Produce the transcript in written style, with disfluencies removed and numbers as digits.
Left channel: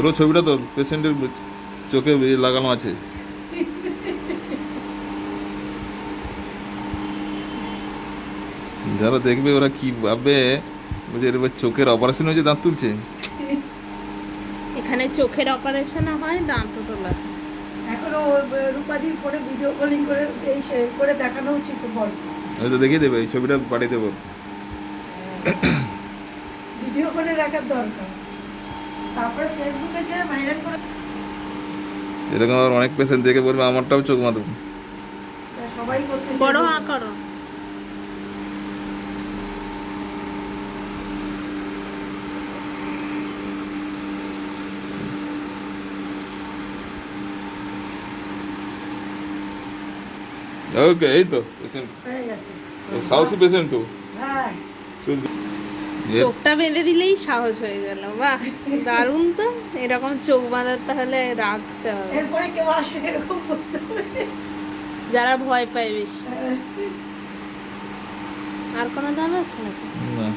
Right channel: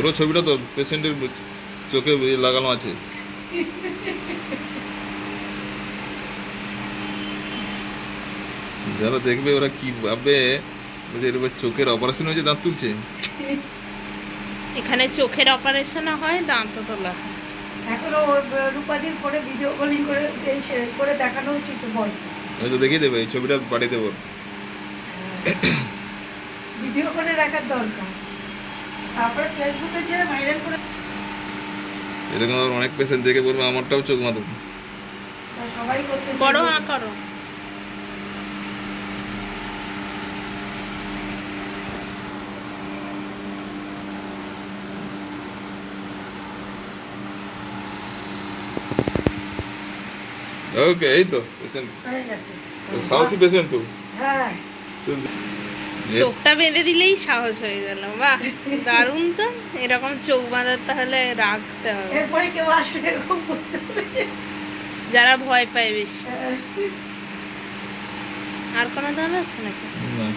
পুরো ছবিটা তো পেশেন্টের চোখে লাগানো আছে। যারা দেখবে ওরা কি ভাববে যে এর চোখের অপারেশন হয়েছে, দাঁত তুলছে। এখানে চোখের অপারেশনও হয়, দাঁতও তোলা হয়। এখনো রূপাদির ফোনে ভিডিও কলিং করে করে দেখানো উচিত তো বল। আমি তো দেখিয়ে দেবে, এই ছবিটা পাঠিয়ে দেবো। ভিডিও করে রাখার দরকার, তারপরে ফেসবুকে ছেড়ে ভাইরাল করে। এরকম আবার অনেক পেশেন্ট দেখে বলবে আমারটাও চোখ মাথা। সবাই করতে বড় চাইবে। হাঁ করো। ওকে, এই তো পেশেন্ট, হয়ে গেছে। সাহসী পেশেন্ট তো। হ্যাঁ, চোখটা বেঁধে দিলেই সাহস হয়ে গেল, বাহ দারুণ তো। এরকম চোখ বাঁধার তাহলে রাখতে হবে, এরপরে কেউ আসলে এরকম করতে হবে। যারা ভয় পায় বেশি। হ্যাঁ। আর কোনো দাম আছে নাকি? না।